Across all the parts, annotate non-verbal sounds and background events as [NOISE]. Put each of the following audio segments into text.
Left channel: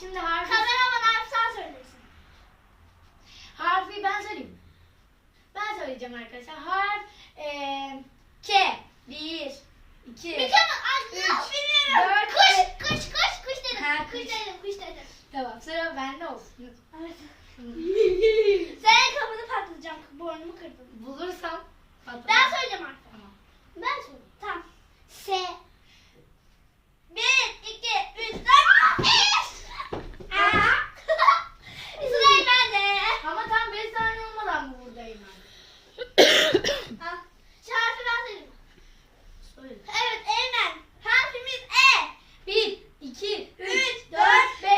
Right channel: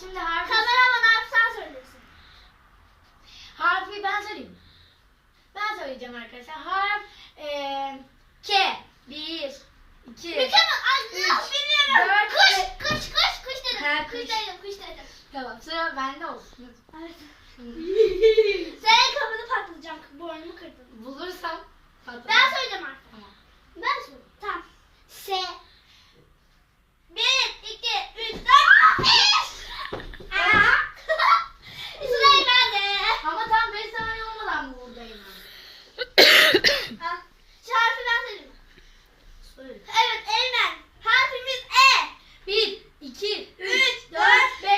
şimdi harfi, Kameraman harf sen söylesin. harfi ben söyleyeyim. Ben söyleyeceğim arkadaşlar. Harf eee K. Bir, iki, Mükemmel. Ay üç, nasıl bilmiyorum. dört, Kuş, kuş, kuş, kuş dedim. Ha, kuş. kuş. dedim, kuş dedim. Tamam sıra bende olsun. Evet. Şimdi Senin kafanı patlatacağım. Burnumu kırdın. bulursam patlatırım. Ben söyleyeceğim artık. Tamam. Ben söyleyeyim. Tamam. S. Bir, iki, üç, dört, beş. Aa. Sıra bende. Ama tam 5 saniye olmadan mı buradayım? Ha. Şu harfi ben söyleyeyim. Söyle. Evet, Eymen. Harfimiz E. 1, 2, 3, Üç, 4, 5.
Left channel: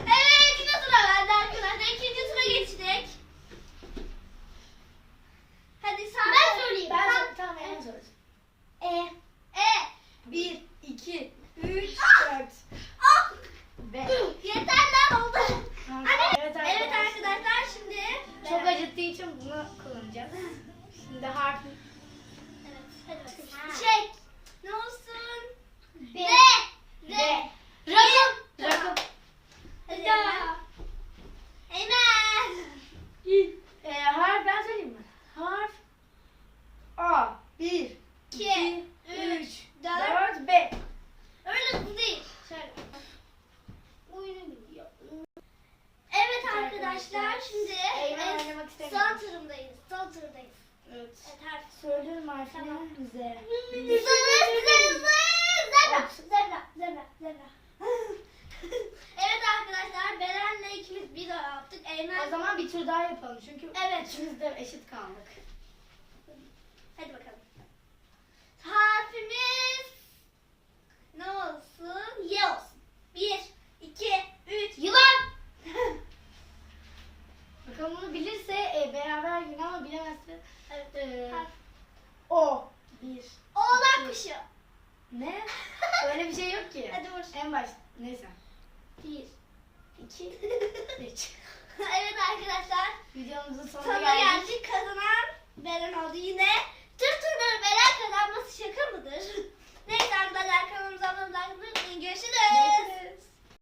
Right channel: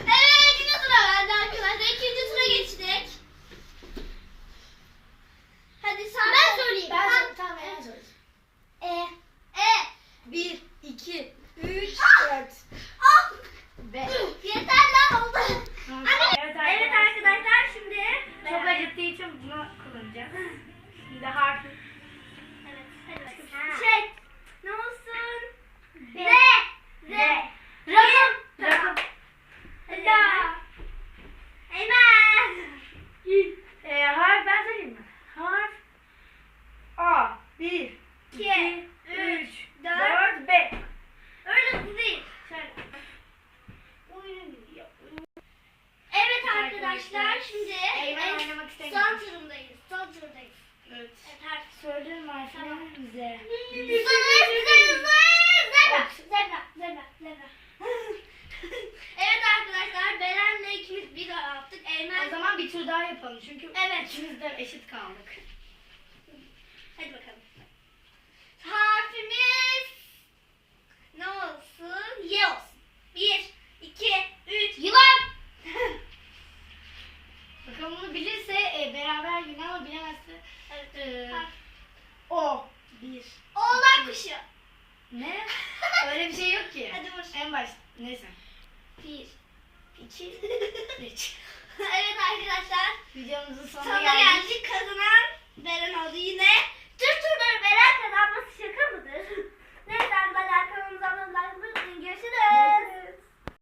evet, ikinci sıra bende arkadaşlar. İkinci sıra geçtik. Hadi sen Ben söyleyeyim. Ben Sen- söyle- tamam en söyle. E. E. 1, 2, 3, 4, Ah. 5. Yeter lan oldu. Tamam. Evet, Evet evet arkadaşlar. arkadaşlar şimdi Çok acıttığı için bunu kullanacağız. Şimdi harfi. Evet, hadi bakalım. Şey, ne olsun? B. R. R. Rakım. Tamam. Rakım. Hadi ya. Eymen. Ee, harf ben söyleyeyim mi? Harf A. 1, 2, 3, 4, 5. Öyle hızlı değil. Şöyle. Oyunu gidiyor. Evet arkadaşlar şimdi Eymen en oynamak istemiyor. son turundayız. Son turundayız. Evet. Harf. Söylüyorum Tamam. bize. Zır zır zır. Zebra. Zebra. Zebra. Zebra. [LAUGHS] evet arkadaşlar Beren'le ikimiz bir daha yaptık. Eymen O zaman bir tur daha yapalım çünkü Evet. ikimiz de eşit kaldık. Hadi bakalım. Harfimiz ne olsun? Y olsun. Bir, iki, üç. Yılan. [LAUGHS] Bakalım bunu bilirse e, beraber yine ama bilemezse e, Harf. O. 1. Oğlak kuşu. Ne? [LAUGHS] Öyle bir şey yok ki. Hadi vur. En baş. Neyse. Bir. 2, 3. [LAUGHS] [LAUGHS] evet arkadaşlar. Videomuzun sonuna Sonuna geldik. geldik. Kazanan Beren oldu yine. Tüm turları Beren kazanması şaka mıdır?